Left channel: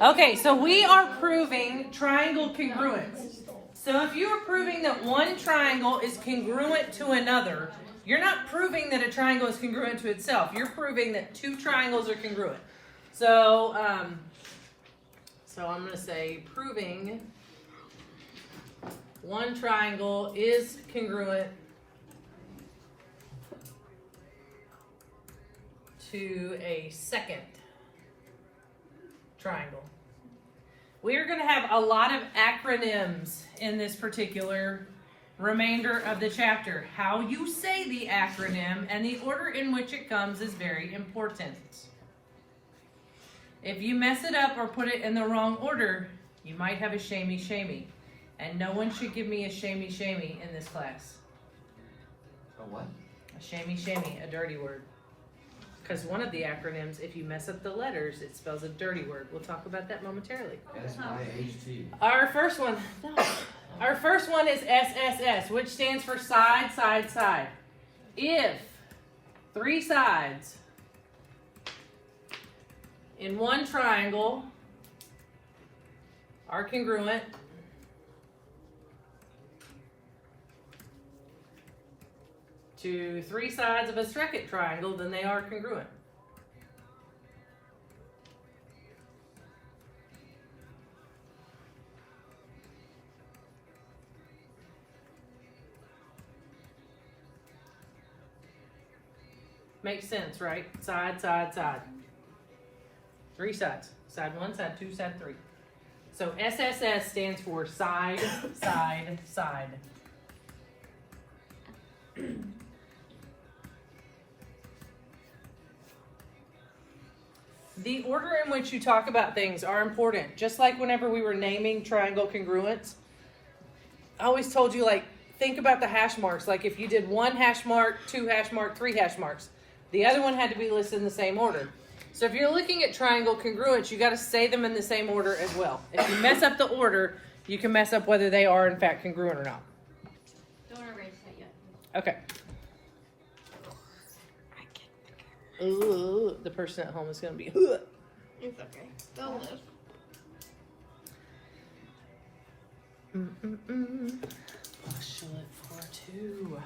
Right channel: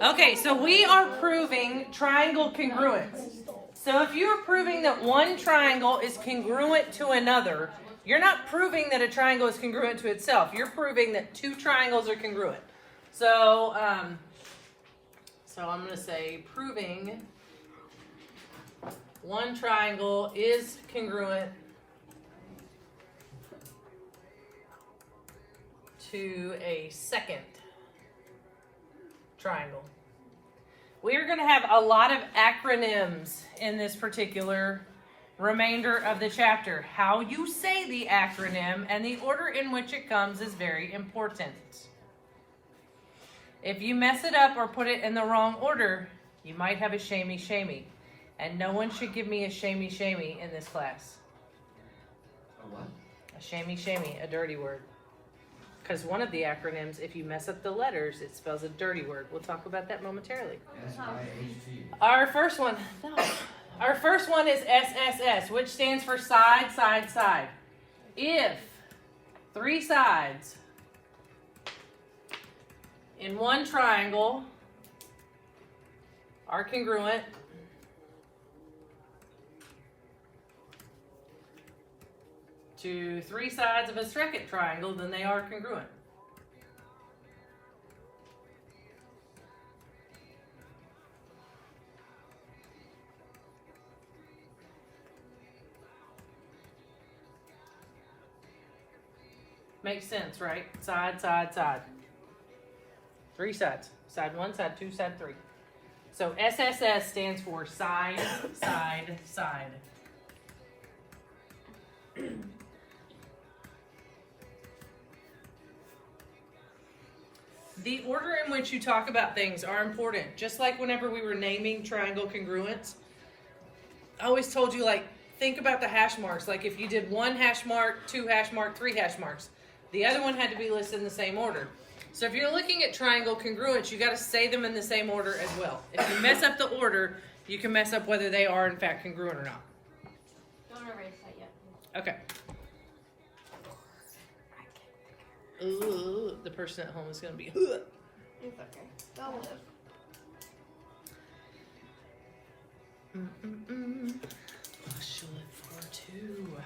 Okay, so we are proving triangle congruence. So if you are proving that one triangle is congruent to another, you're not proving that a triangle is congruent to itself. You're proving that two triangles are congruent. So, I'm going to say proving one triangle is congruent to a second triangle. We are going to have a lot of acronyms in this particular remainder of the chapter. How you say the acronym and the order in which it comes is very important. If you mess it up or put it in the wrong order, you might have a shamey. And no one should give me a shamey in this class. A what? A shamey, a dirty word. Because one of the acronyms, if you mess up the letters, it spells a dirty word. We'll talk about that momentarily. S-I-H-T. Our first one is SSS, which stands for side, side, side. If three sides in one triangle are congruent, to three sides of a second triangle, then they are congruent. Makes sense, right? Side, side, side. Three sides. Side one, side two, side three. So SSS stands for side, side, side. The order in which you talk about things are important. Just like whenever we were naming triangle congruence, I always told you, like, think about the hash marks. Like if you did one hash mark, two hash mark, three hash marks, the other one had to be listed in the same order. So if you're looking at triangle congruence, you got to say them in the same order as well. If you mess up the order, you can mess up whether they are in fact congruent or not. Don't erase that yet. Okay. Ooh, the person at home is going to be. It's okay. They'll live. Shall it for two.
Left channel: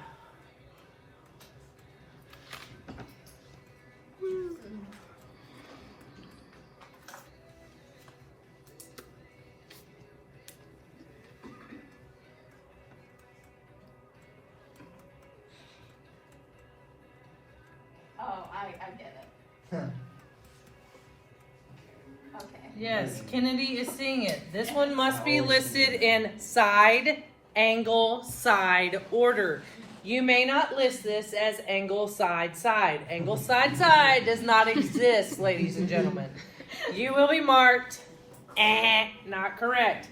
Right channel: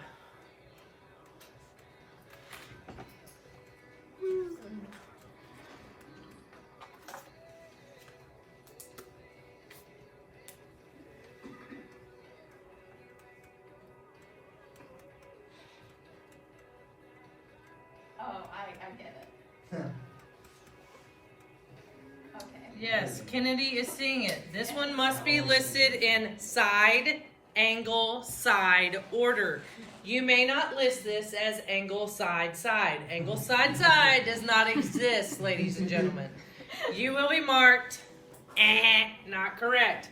Oh, I get it. Okay. Yes, Kennedy is seeing it. This one must be listed in side, angle, side order. You may not list this as angle, side, side. Angle, side, side does not exist, ladies and gentlemen. You will be marked, not correct.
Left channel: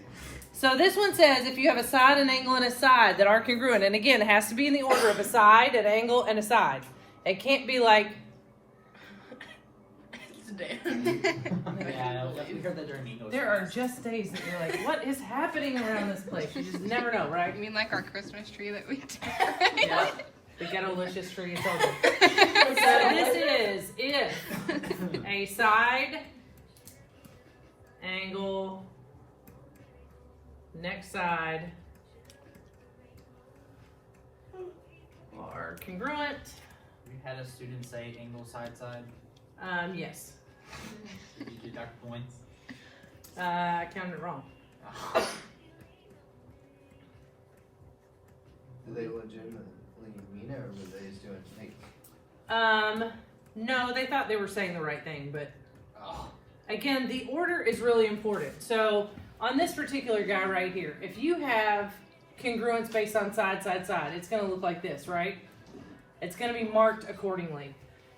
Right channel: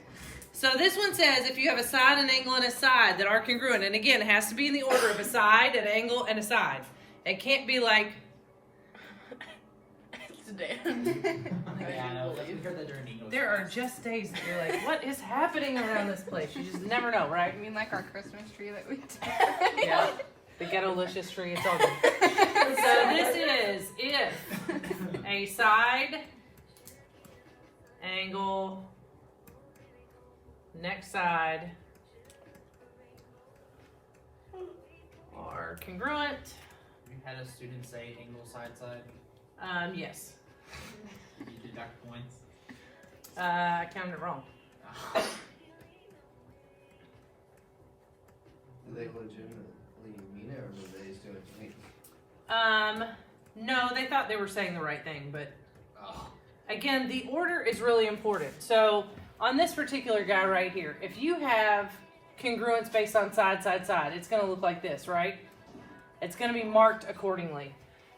So this one says if you have a side, an angle, and a side that are congruent, and again, it has to be in the order of a side, an angle, and a side. It can't be like, there are just days that you're like, what is happening around this place? You just never know, right? You mean like our Christmas tree that we decorate? Yeah, the ghetto-licious tree, it's all good. So this is if a side, angle, next side are congruent. You had a student say angle, side, side. Yes. Did you deduct points? I counted it wrong. Do they legitimately mean it, or were they just doing it to me? No, they thought they were saying the right thing, but Oh. again, the order is really important. So on this particular guy right here, if you have congruence based on side, side, side, it's going to look like this, right? It's going to be marked accordingly.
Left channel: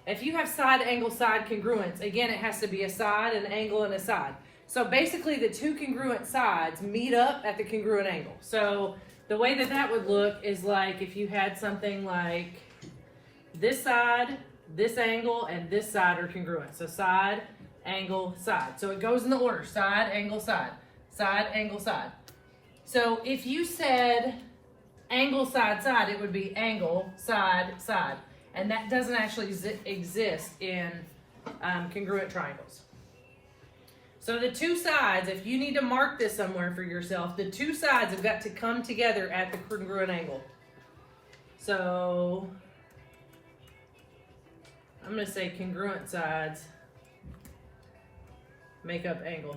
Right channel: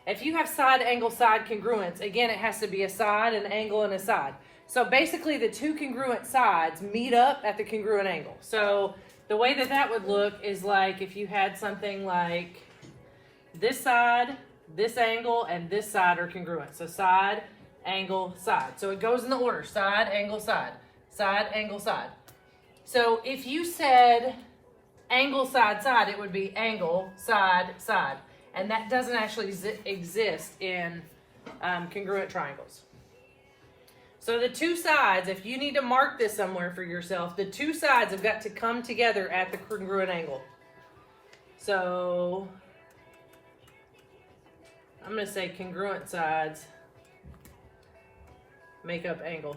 If you have side, angle, side congruence, again, it has to be a side, an angle, and a side. So basically, the two congruent sides meet up at the congruent angle. So the way that that would look is like if you had something like this side, this angle, and this side are congruent. So side, angle, side. So it goes in the order, side, angle, side, side, angle, side. So if you said angle, side, side, it would be angle, side, side. And that doesn't actually exist in congruent triangles. So the two sides, if you need to mark this somewhere for yourself, the two sides have got to come together at the congruent angle. So I'm going to say congruent sides make up angle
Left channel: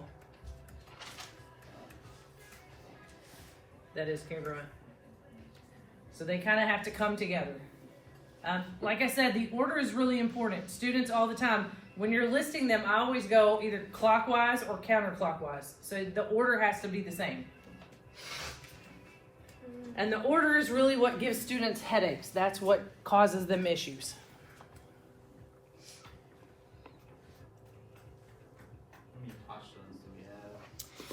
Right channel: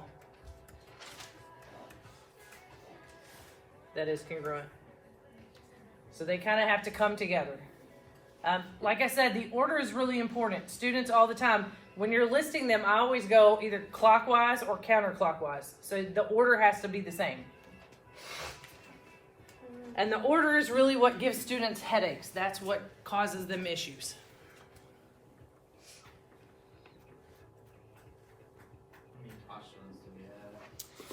that is congruent. So they kind of have to come together. Like I said, the order is really important. Students all the time, when you're listing them, I always go either clockwise or counterclockwise. So the order has to be the same. And the order is really what gives students headaches. That's what causes them issues. How many postulates do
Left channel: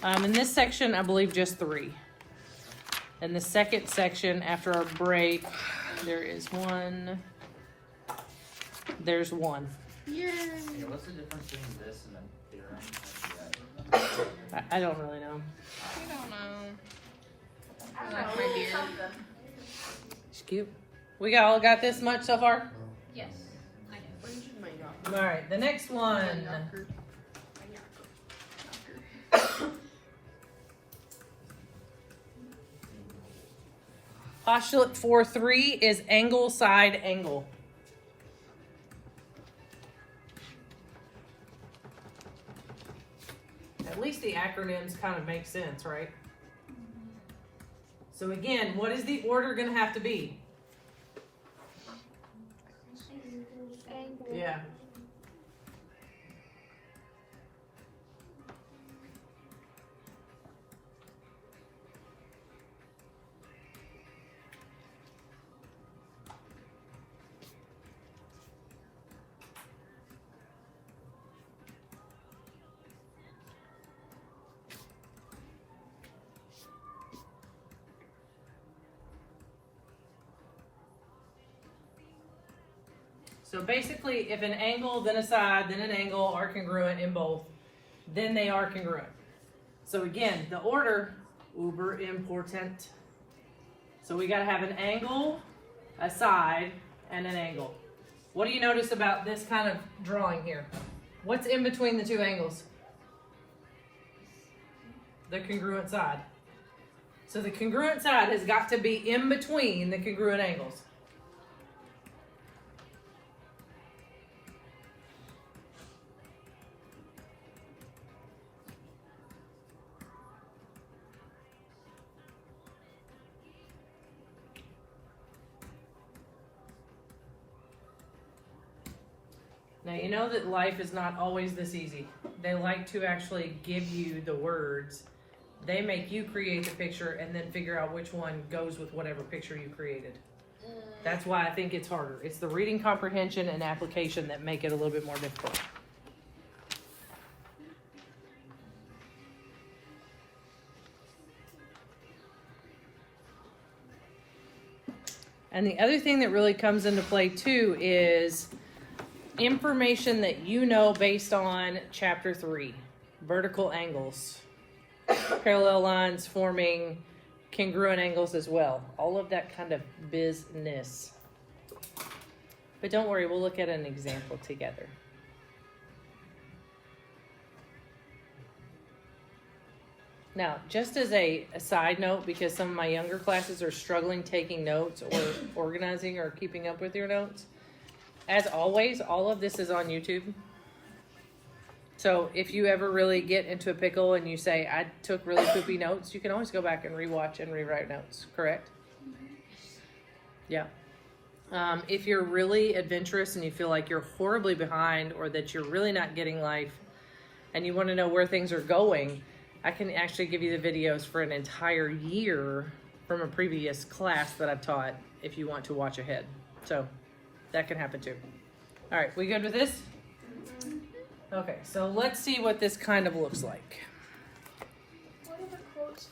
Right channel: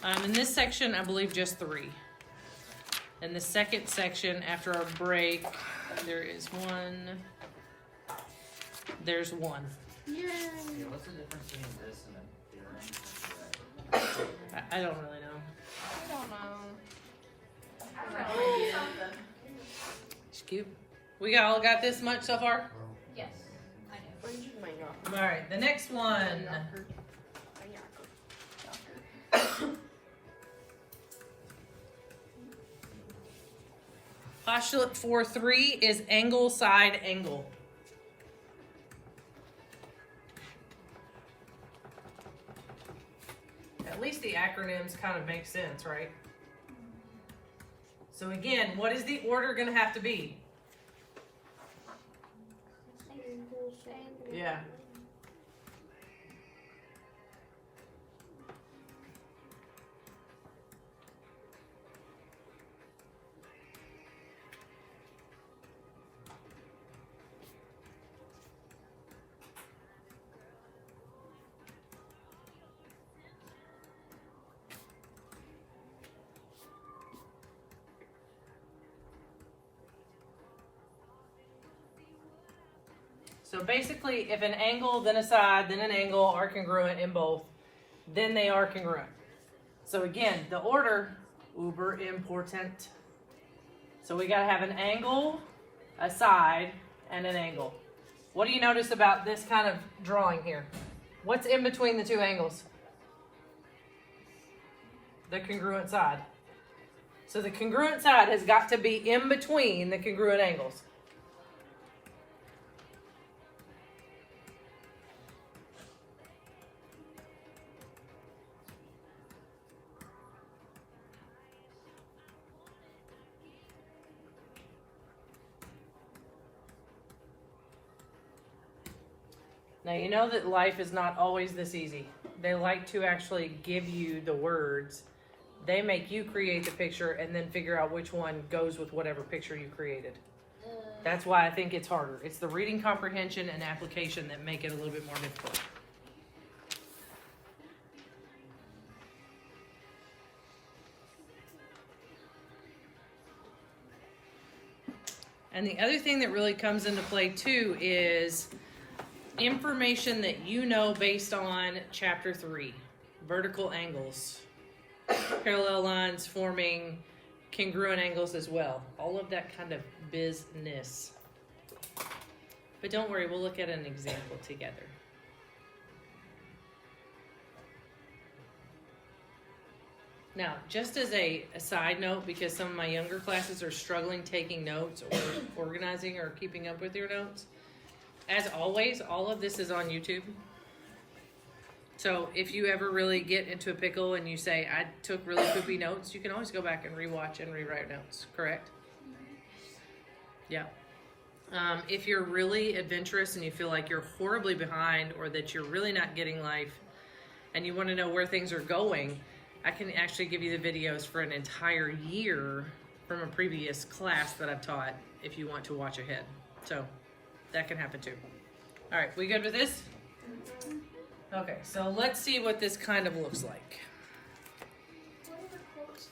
we have? In this section, I believe just 3. In the second section, after our break, there is 1. There's 1. Yeah, what's the difference between this and a theorem? I don't really know. I don't know. Like my dear. It's cute. We all got this much so far? Yes. All right, the next one. Postulate 4.3 is angle, side, angle. At least the acronyms kind of make sense, right? So again, what is the order going to have to be? Yeah. So basically, if an angle, then a side, then an angle are congruent in both, then they are congruent. So again, the order, uber important. So we gotta have an angle, a side, and an angle. What do you notice about this kind of drawing here? What's in between the two angles? The congruent side. So the congruent side has got to be in between the congruent angles. Now, you know that life is not always this easy. They like to actually give you the words. They make you create the picture and then figure out which one goes with whatever picture you created. That's why I think it's harder. It's the reading comprehension and application that make it a little bit more difficult. And the other thing that really comes into play too is information that you know based on chapter 3, vertical angles, parallel lines forming congruent angles as well. All of that kind of business. But don't worry, we'll look at an example together. Now, just as a side note, because some of my younger classes are struggling taking notes or organizing or keeping up with your notes, as always, all of this is on YouTube. So if you ever really get into a pickle and you say, I took really poopy notes, you can always go back and rewatch and rewrite notes, correct? Yeah. If you're really adventurous and you feel like you're horribly behind or that you're really not getting life and you want to know where things are going, I can actually give you the videos for an entire year from a previous class that I've taught if you want to watch ahead. So that can happen too. All right, we good with this? Okay, so let's see what this kind of looks like. What are the quotes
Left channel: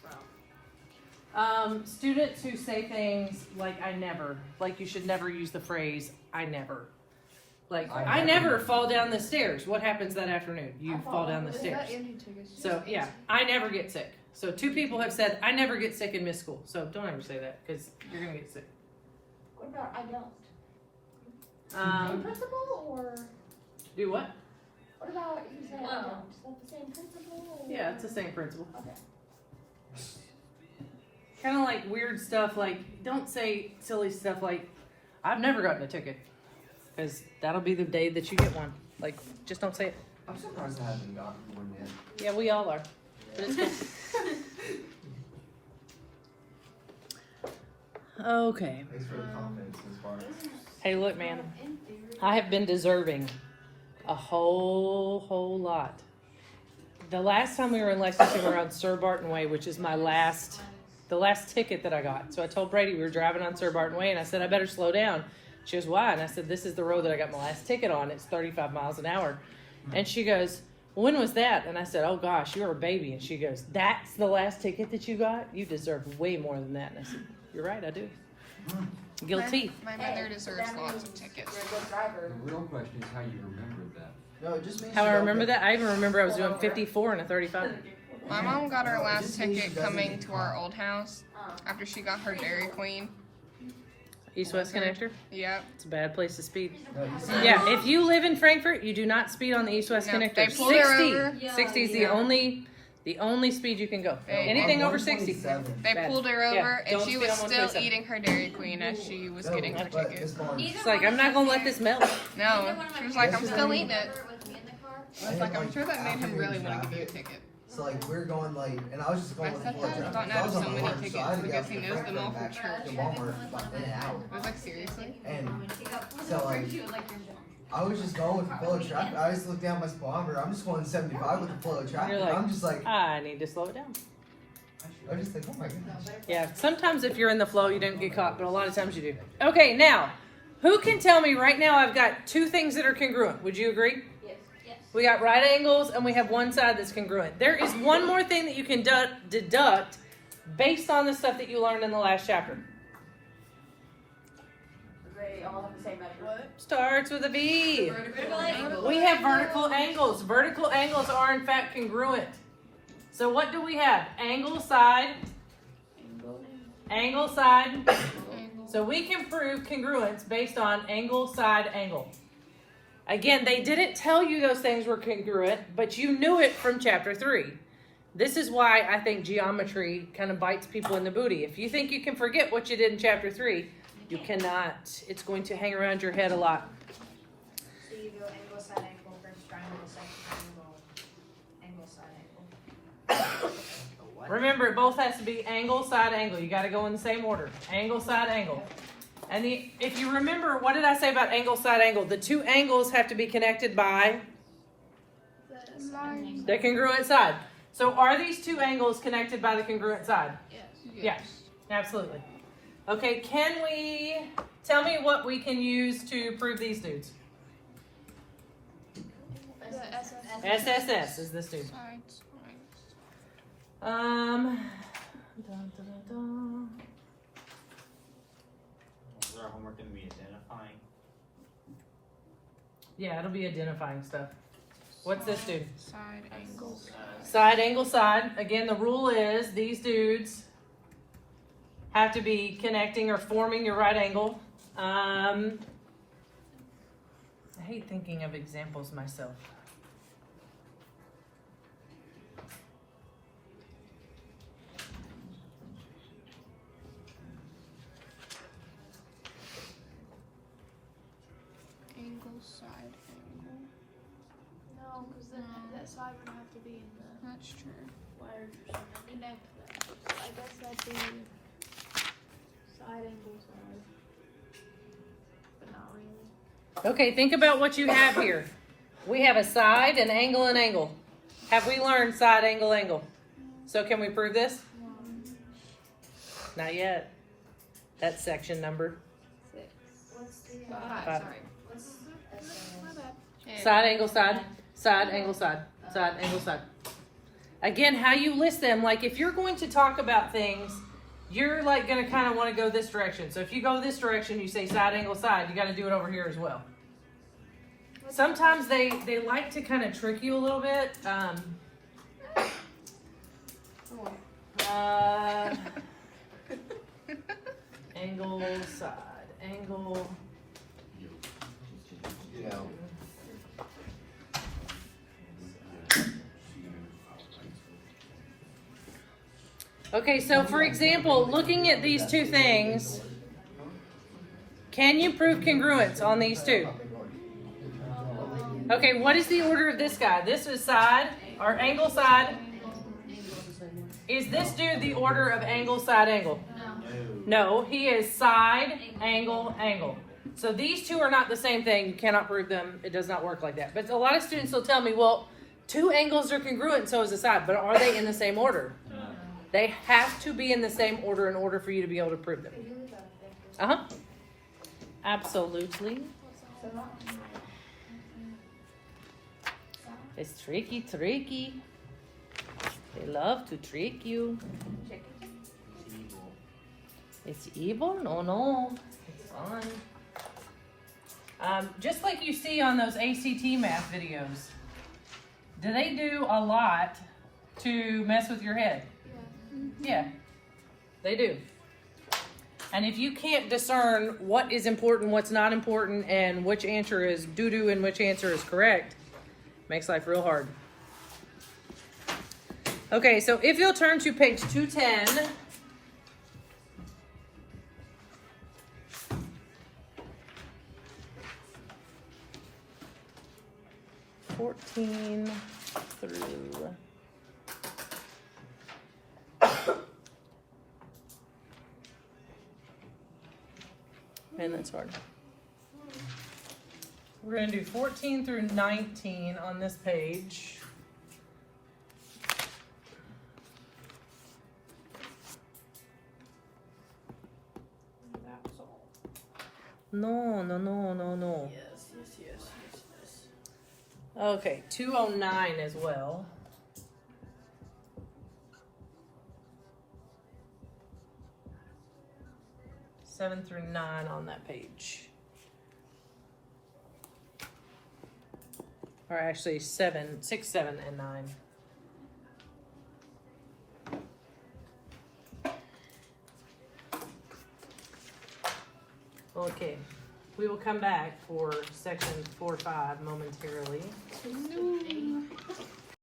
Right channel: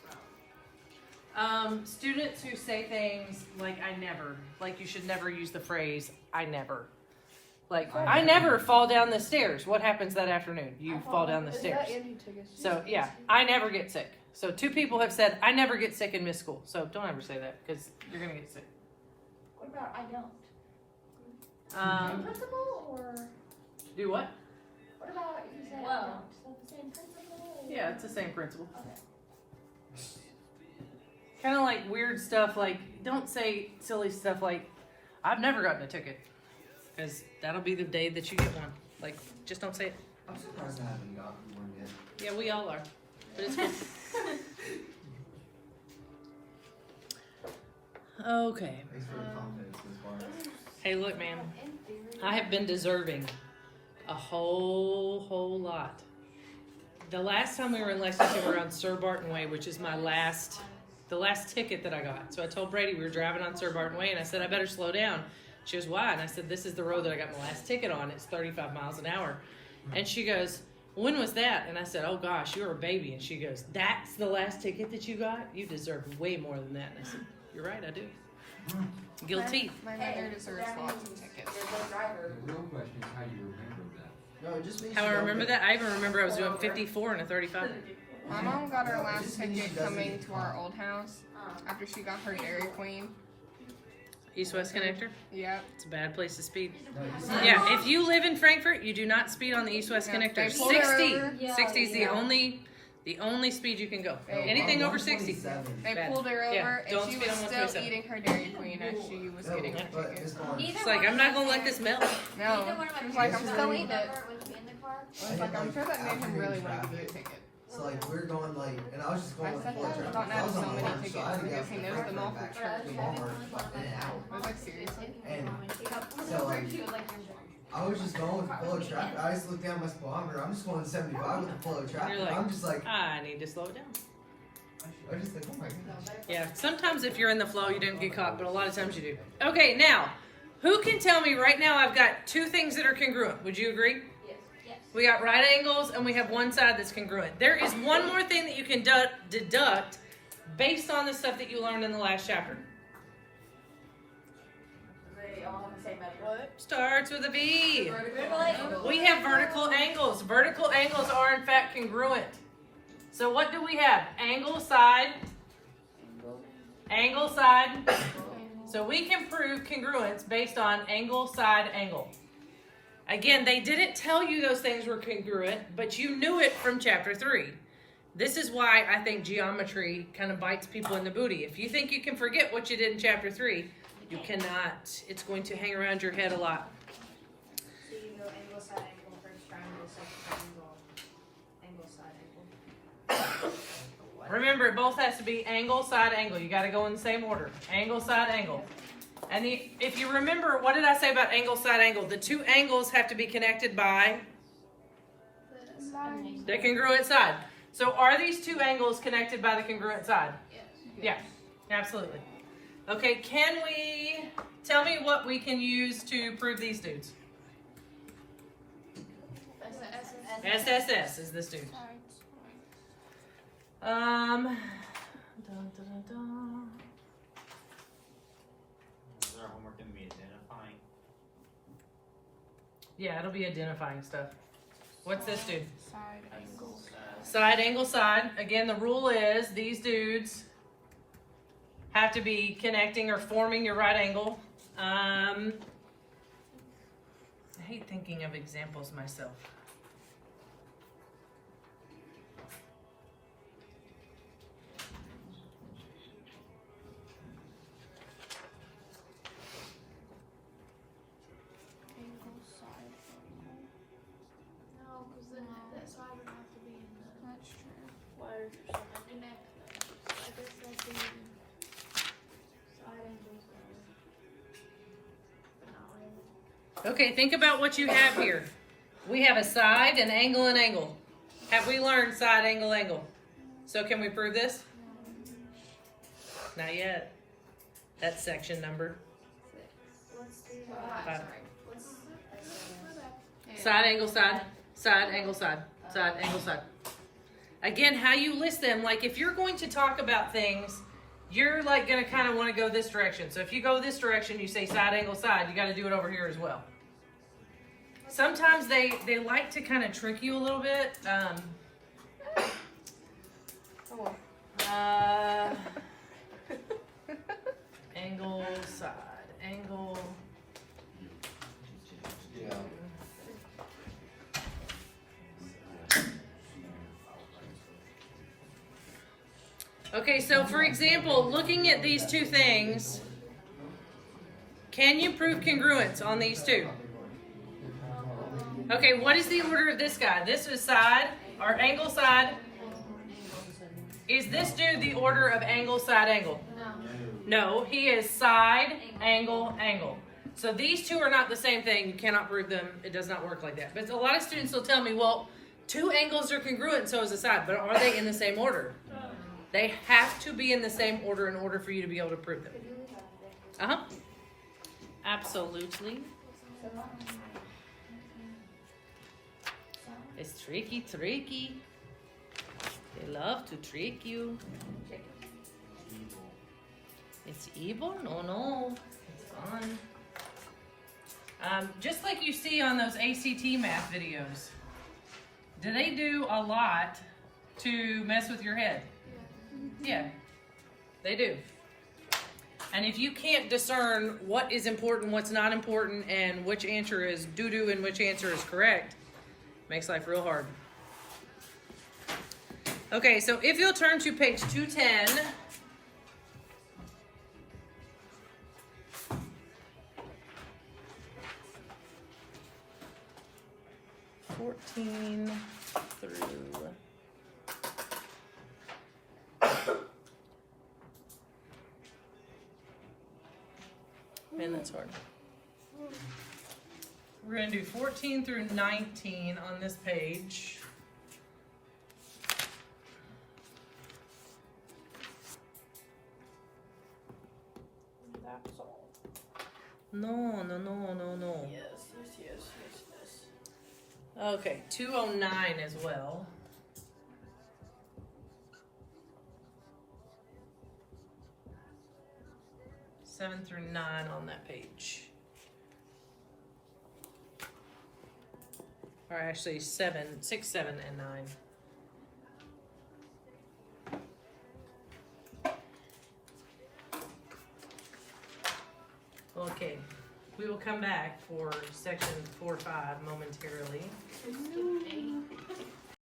from? Students who say things like, I never, like you should never use the phrase, I never. Like, I never fall down the stairs. What happens that afternoon? You fall down the stairs. So, yeah, I never get sick. So 2 people have said, I never get sick and miss school. So don't ever say that because you're going to get sick. What about I don't? Do what? What about you said I don't? Is that the same principle? Yeah, it's the same principle. Kind of like weird stuff, like, don't say silly stuff like, I've never gotten a ticket. Because that'll be the day that you get one. Like, just don't say it. I'm surprised I haven't gotten one yet. Yeah, we all are. But it's fine. Okay. Thanks for your confidence this far. Hey, look, man. I have been deserving a whole lot. The last time we were in Lexington, we were on Sir Barton Way, which is the last ticket that I got. So I told Brady we were driving on Sir Barton Way, and I said, I better slow down. She goes, why? And I said, this is the road that I got my last ticket on. It's 35 miles an hour. And she goes, when was that? And I said, oh gosh, you were a baby. And she goes, that's the last ticket that you got? You deserve way more than that. And I said, you're right, I do. Guilty. My mother deserves lots of tickets. The real question is how you remember that. No, it just means How you I don't remember get- that? I even remember I was doing 54 and a 35. My mom got her last ticket coming to our old house after she got her Dairy Queen. East-West connector? Yep. It's a bad place to speed. No, you see- Yeah, if you live in Frankfurt, you do not speed on the East-West No, connector. they pulled her 60. over. 60 is the only speed you can go. They- Anything over 60. They Bad. pulled her over, Yeah, and don't she speed was on still 127. eating her Dairy Queen as she was No, getting her but ticket. this bar- It's like, I'm not gonna let this melt. No, she was like, I'm still eating it. I was like, I'm sure that made him really want to give you a ticket. So like we're going like, and I was just going. My with the flow stepdad has chart. gotten out I of was so on the many horse, so tickets I had to because get he knows back them all to from back church. to Walmart like in an hour. I was like, seriously? And so like, I was just going with the flow of traffic. I just looked down my speedometer. I'm just going 75 with the flow of traffic. You're like, I'm just like, I need to slow it down. I just think, oh my goodness. Yeah, sometimes if you're in the flow, you don't get caught, but a lot of times you do. Okay, now, who can tell me right now I've got two things that are congruent? Would you agree? Yes. We got right angles and we have one side that's congruent. There is one more thing that you can deduct based on the stuff that you learned in the last chapter. They all have the same measure. Starts with a V. Vertical angle. We have vertical angles. Vertical angles are in fact congruent. So what do we have? Angle, side. Angle, side. So we can prove congruence based on angle, side, angle. Again, they didn't tell you those things were congruent, but you knew it from chapter 3. This is why I think geometry kind of bites people in the booty. If you think you can forget what you did in chapter 3, you cannot. It's going to hang around your head a lot. So you go angle, side, angle, first triangle, second triangle, angle, side, angle. Remember, it both has to be angle, side, angle. You got to go in the same order. Angle, side, angle. And if you remember, what did I say about angle, side, angle? The two angles have to be connected by the congruent side. So are these two angles connected by the congruent side? Yes, absolutely. Okay, can we tell me what we can use to prove these dudes? SSS is this dude. Dun, dun, dun, dun. Is our homework gonna be identifying? Yeah, it'll be identifying stuff. What's this dude? Side angle. Side, angle, side. Again, the rule is these dudes have to be connecting or forming your right angle. I hate thinking of examples myself. Angle, side angle. No, because then that side would have to be in the That's true. wires or something. Connect that. So I guess that'd be side angles and but not angle. Okay, think about what you have here. We have a side, an angle, and angle. Have we learned side, angle, angle? So can we prove this? Not yet. That's section number. What's the Five. what's Side, angle, side. Side, angle, side. Side, angle, side. Again, how you list them, like if you're going to talk about things, you're like going to kind of want to go this direction. So if you go this direction, you say side, angle, side, you got to do it over here as well. Sometimes they like to kind of trick you a little bit. Angle, side, angle. Yeah. Okay, so for example, looking at these two things, can you prove congruence on these two? Okay, what is the order of this guy? This is side, or angle side. Is this dude the order of angle side angle? No, he is side, angle, angle. So these two are not the same thing. You cannot prove them. It does not work like that. But a lot of students will tell me, well, two angles are congruent, so is a side. But are they in the same order? They have to be in the same order in order for you to be able to prove them. Uh-huh. Absolutely. It's tricky, tricky. They love to trick you. It's evil? No, no. It's fun. Just like you see on those ACT math videos, do they do a lot to mess with your head? Yeah, they do. And if you can't discern what is important, what's not important, and which answer is doo-doo and which answer is correct, makes life real hard. Okay, so if you'll turn to page 210. Through man, that's hard. We're going to do 14 through 19 on this page. That was all. No, no, no, no, no. Yes. Okay, 209 as well. Seven through 9 on that page. Or actually 7, 6, 7, and 9. Okay, we will come back for section 4-5 momentarily. No.